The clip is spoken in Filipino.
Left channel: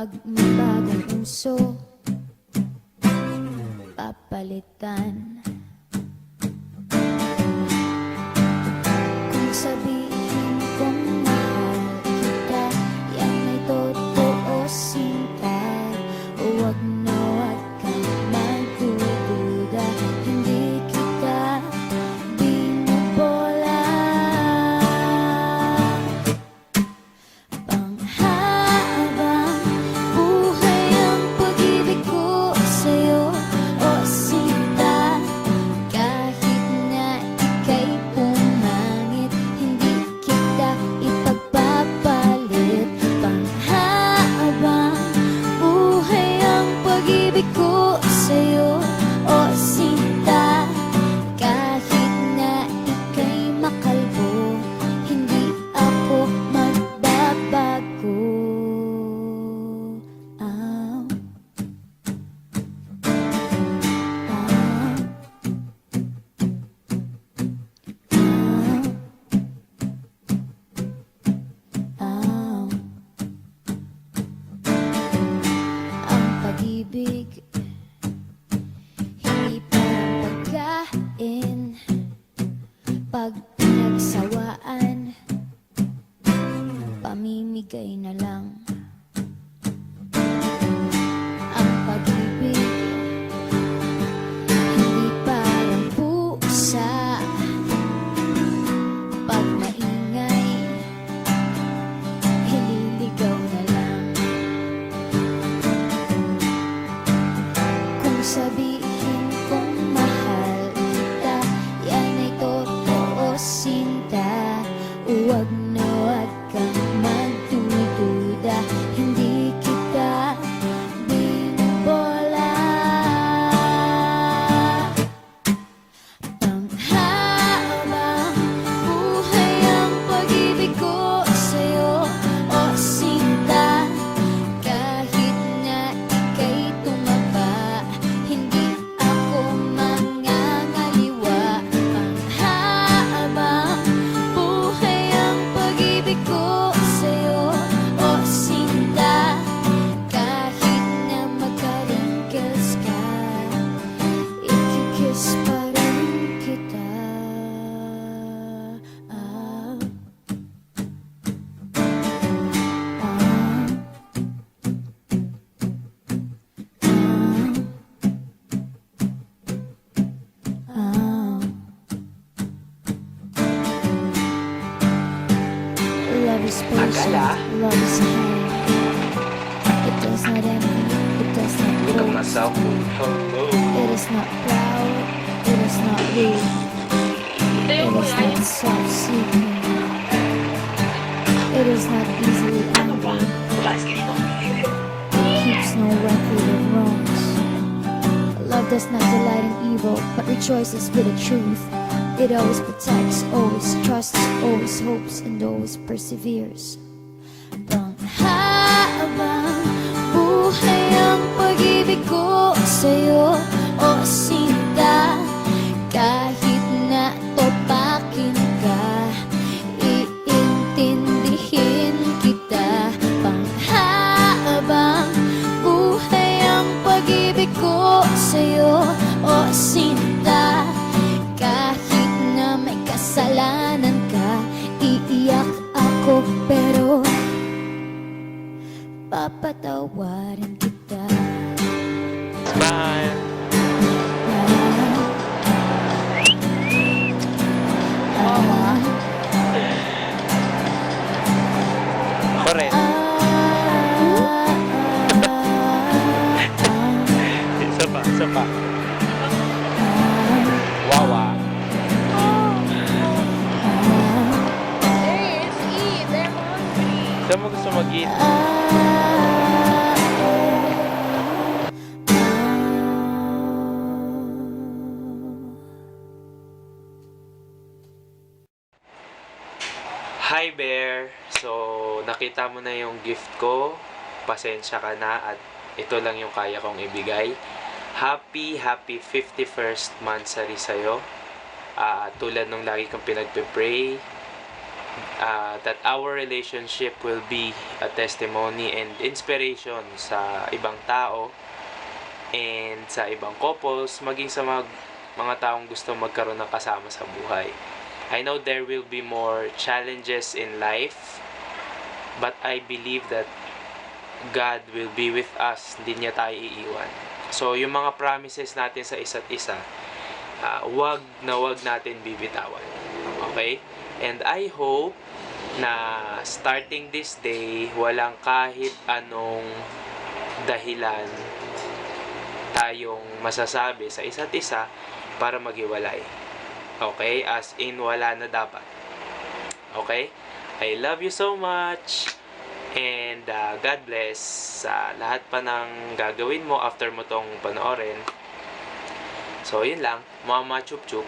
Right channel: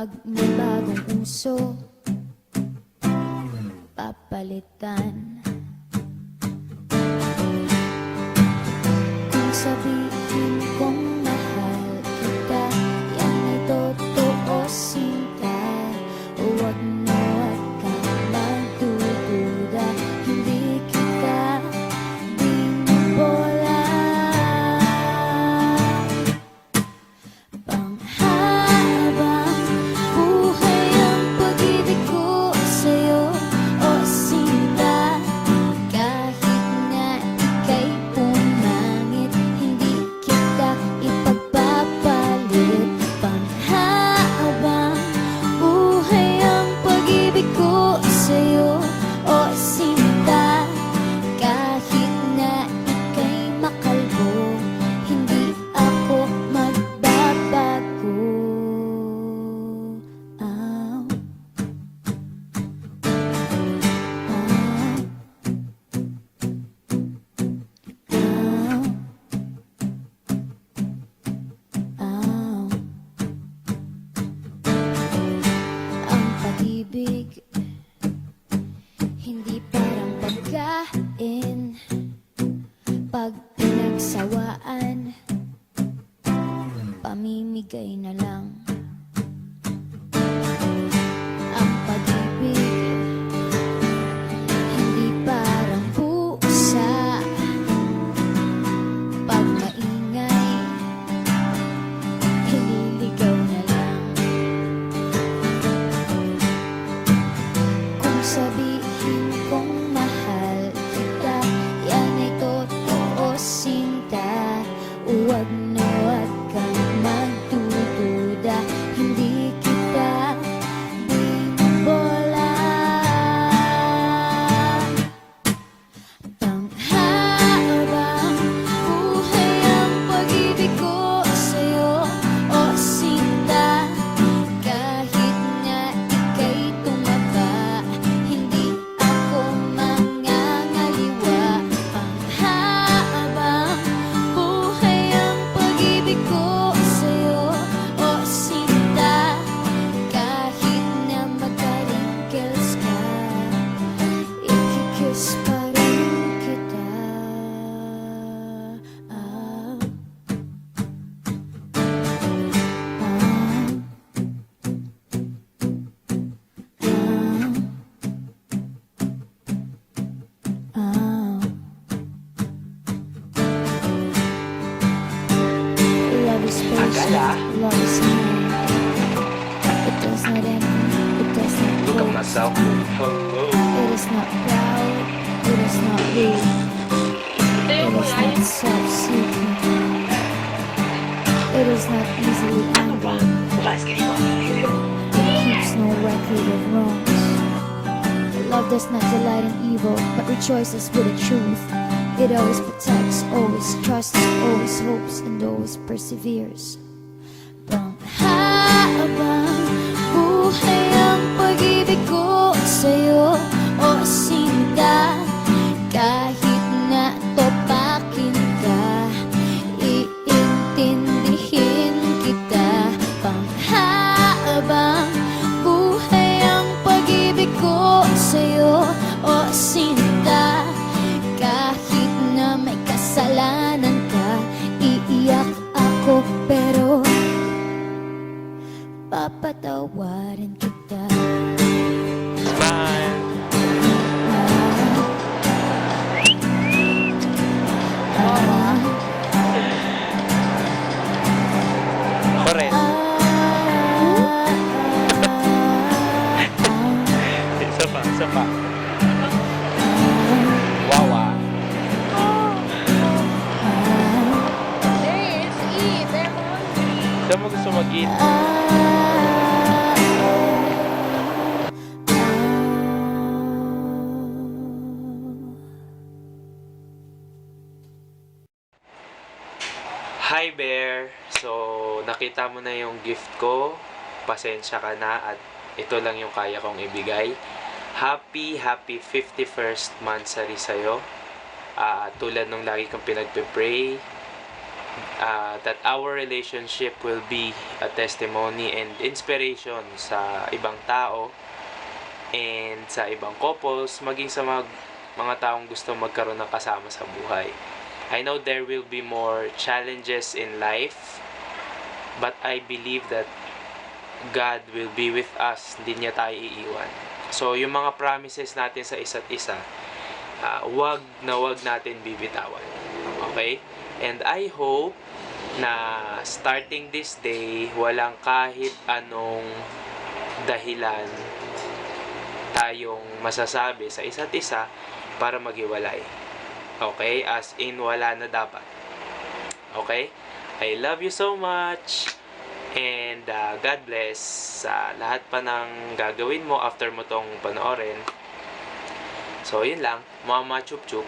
Pag may bagong uso, papalitan. Kung sabihin kong mahal kita, yan ay totoo, sinta. Huwag na huwag kang magdududa, hindi kita binubola. Panghabang buhay ang pag-ibig ko sa'yo, o sinta. Kahit na ika'y pumangit, hindi kita ipagpapalit. Panghabang buhay ang pag-ibig ko sa'yo, o sinta. Kahit na ika'y makalbo, hindi ako magbabago. Ah, ah, ah, ah. Ang pag-ibig hindi parang pagkain, pag pinagsawaan, pamimigay na lang. Ang pag-ibig hindi parang pusa, pag maingay, hililigaw na lang. Kung sabihin kong mahal kita, yan ay totoo, sinta. Huwag na huwag kang magdududa, hindi kita binubola. Panghabang buhay ang pag-ibig ko sa'yo, o sinta. Kahit na ika'y tumaba, hindi ako mangangaliwa. Panghabang buhay ang pag-ibig ko sa'yo, o sinta. Kahit na magka-wrinkles ka, ikikiss pa rin kita. Ah, ah, ah. Love is patient, love is kind. It does not envy, it does not Look at boast. myself. Hello. It is not proud, it is not rude. It is not self-seeking. It is not easily angered. It keeps no record of wrongs. Love does not delight in evil, but rejoices with the truth. It always protects, always trusts, always hopes, and always perseveres. Panghabang buhay ang pag-ibig ko sa'yo, o sinta. Kahit na topakin ka, iintindihin kita. Panghabang buhay ang pag-ibig ko sa'yo, o sinta. Kahit na may kasalanan ka, iiyak ako pero papatawarin kita. Smile. Ako rin. Isa pa, isa pa. Wawa. There is eat. They're hungry. Saan mo gusto mag-eat? Hi Bear! So, nakita mo na yung gift ko. Pasensya ka na at ito lang yung kaya kong ibigay. Happy 51st monthsary sa'yo. Tulad nung lagi kong pinagpe-pray, that our relationship will be a testimony and inspiration sa ibang tao and sa ibang couples, maging sa mga taong gusto magkaroon ng kasama sa buhay. I know there will be more challenges in life, but I believe that God will be with us. Hindi niya tayo iiwan. So, yung mga promises natin sa isa't isa, wag natin bibitawan. Okay? And I hope na starting this day, walang kahit anong dahilan tayong masasabi sa isa't isa para maghiwalay. Okay? As in, wala na dapat. Okay? I love you so much. And God bless sa lahat pa ng gagawin mo after mo tong panoorin. So, yun lang. Mama chup chup.